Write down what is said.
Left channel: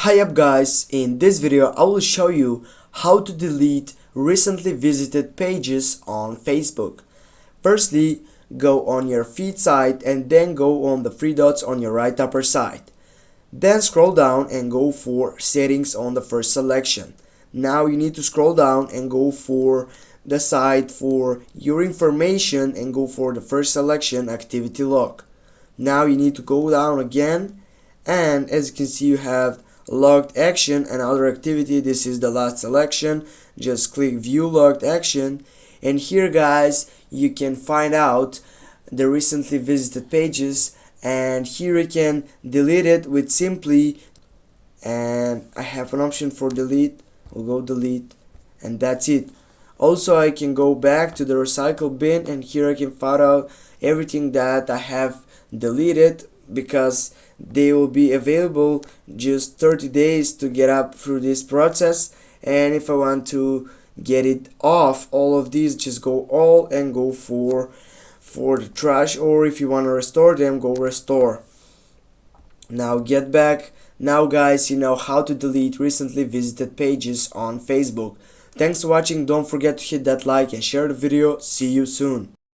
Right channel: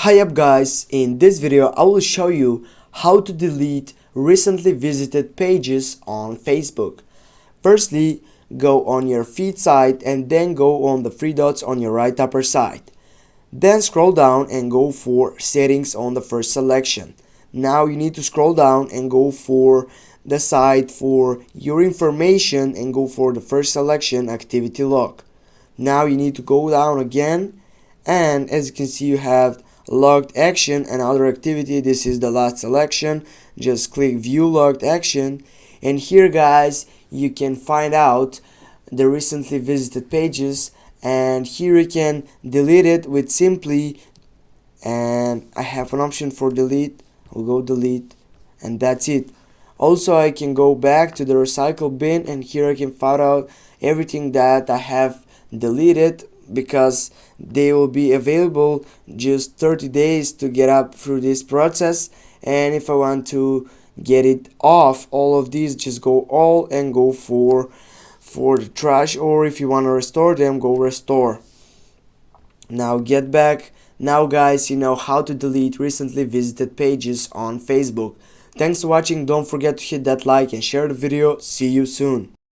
Hi up guys, in this video I will show you how to delete recently visited pages on Facebook. Firstly, go on your feed side and then go on the three dots on your right upper side. Then scroll down and go for settings on the first selection. Now you need to scroll down and go for the side for your information and go for the first selection, activity log. Now you need to go down again, and as you can see you have logged action and other activity. This is the last selection. Just click view logged action, and here guys you can find out the recently visited pages, and here you can delete it with simply, and I have an option for delete. I'll go delete, and that's it. Also I can go back to the recycle bin, and here I can find out everything that I have deleted, because they will be available just 30 days to get up through this process. And if I want to get it off all of these, just go all and go for the trash, or if you want to restore them, go restore. Now get back. Now guys, you know how to delete recently visited pages on Facebook. Thanks for watching. Don't forget to hit that like and share the video. See you soon.